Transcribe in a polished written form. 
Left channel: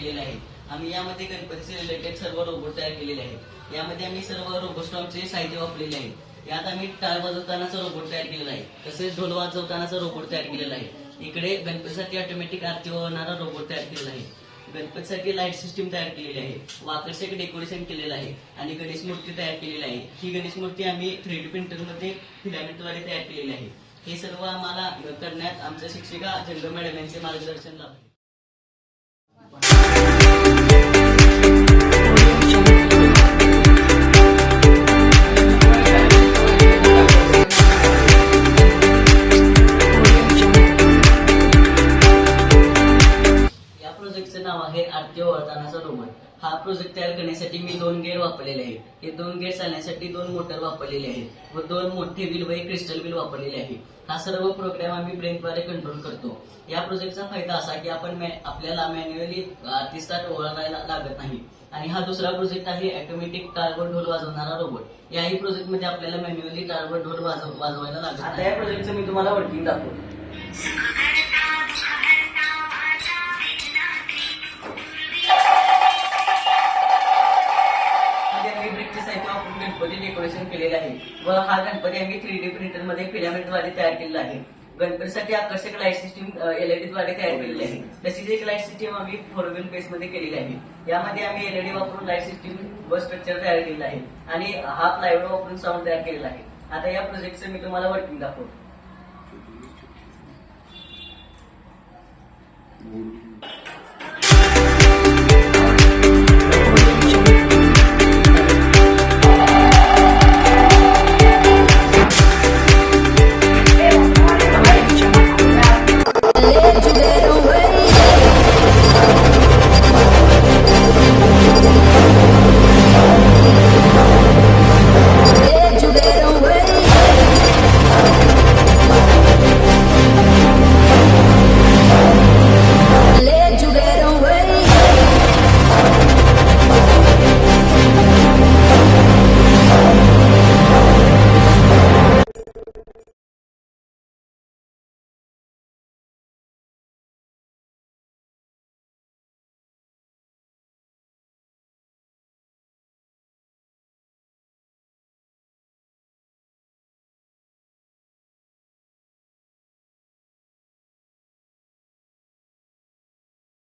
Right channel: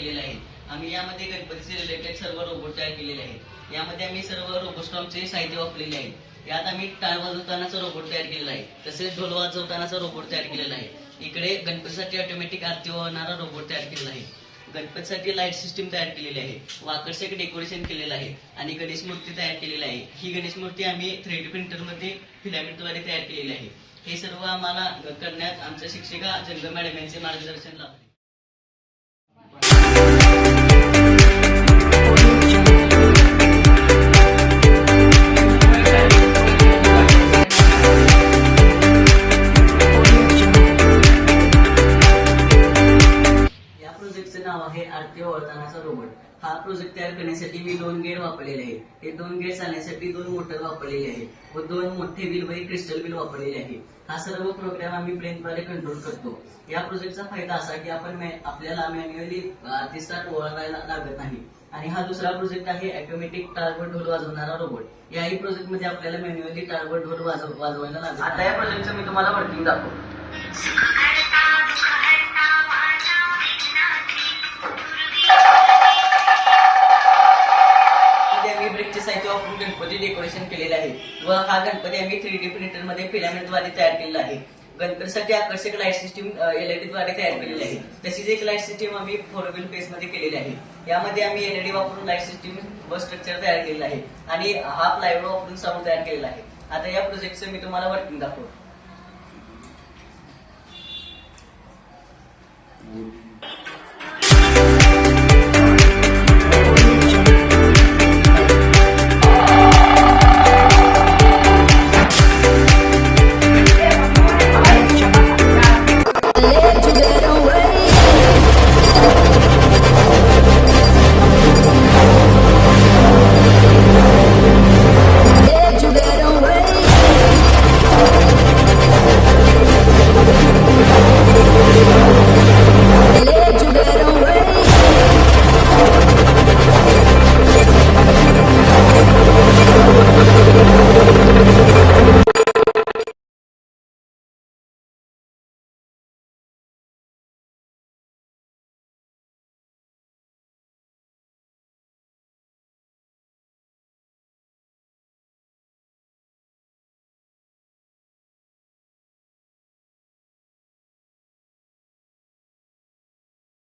केलेला आहे। आम्ही यामध्ये गणपतीचे रिलेटेड सर्व रोबोट तयार केलेले आहेत। यामध्ये आम्ही सर्व रोबोस्टॉमचे साहित्य वापरलेले आहे। यात आम्ही टाळ वाजवतानाचा रोबोट तयार केलेला आहे, तसेच ढोल वाजवतानाचा रोबोट तयार केलेला आहे। इकडे गणपतीसाठी ऑटोमॅटिक आरती वाहणारा रोबोट तयार केलेला आहे। गणपतीसाठी लाईट सिस्टीम तयार केलेली आहे, वाकरसाठी डेकोरेशन केलेलं आहे आणि गणेश मूर्ती तयार केलेली आहे। ही गणेश मूर्ती आम्ही 3D प्रिंटरमध्ये फिलामेंटद्वारे तयार केलेली आहे। हे सर्व आम्हाला करण्यात आमच्या शिक्षिका जंगम मॅडम यांचे मार्गदर्शन लाभले। या प्रोजेक्टचं नाव आहे आरती ओवाळतानाचा रोबोट। हा प्रोजेक्ट तयार करण्यासाठी मी 2 गेअर वापरलेले आहेत। हे 2 गेअर चालण्यासाठी 2 मोटर वापरलेले आहेत व 2 मोठे व्हील व एक क्रिस्टल व्हील वापरलेले आहे। हा सर्व प्रोग्राम आम्ही ब्रेनद्वारे कंट्रोल करतो। या प्रोजेक्टचा फायदा असा की आपल्याला मॅन्युअली आरती स्टार्ट ओवाळायला लागत नाही। आणि हा दुसरा प्रोजेक्ट आहे ऑटोमॅटिक टाळ व ढोल वाजवणारा रोबोट। याही प्रोजेक्ट मध्ये आपल्याला मॅन्युअली टाळ व ढोल वाजवायला लागत। आता या प्रोजेक्टचं मी तुम्हाला वर्किंग दाखवतो। ब्रेकचे साहित्य वापरून गणपती डेकोरेशन केलेले आहे व हा गणपती आम्ही 3D प्रिंटर मध्ये फिलामेंटद्वारे तयार केलेला आहे। गणपतीसाठी आकर्षक लाईट सिस्टीम LED द्वारे तयार केलेली आहे। तशीच एक लाईट सिस्टीम आम्ही 4 व्हील बेस मध्ये केलेली आहे। यामध्ये आम्ही LED वापरून लाईट सिस्टीम व स्ट्रक्चर तयार केलेलं आहे आणि हा प्लायवूड वापरून साऊंड तयार केलेला आहे। आता या प्रोजेक्टचं मी तुम्हाला वर्किंग दाखवतो।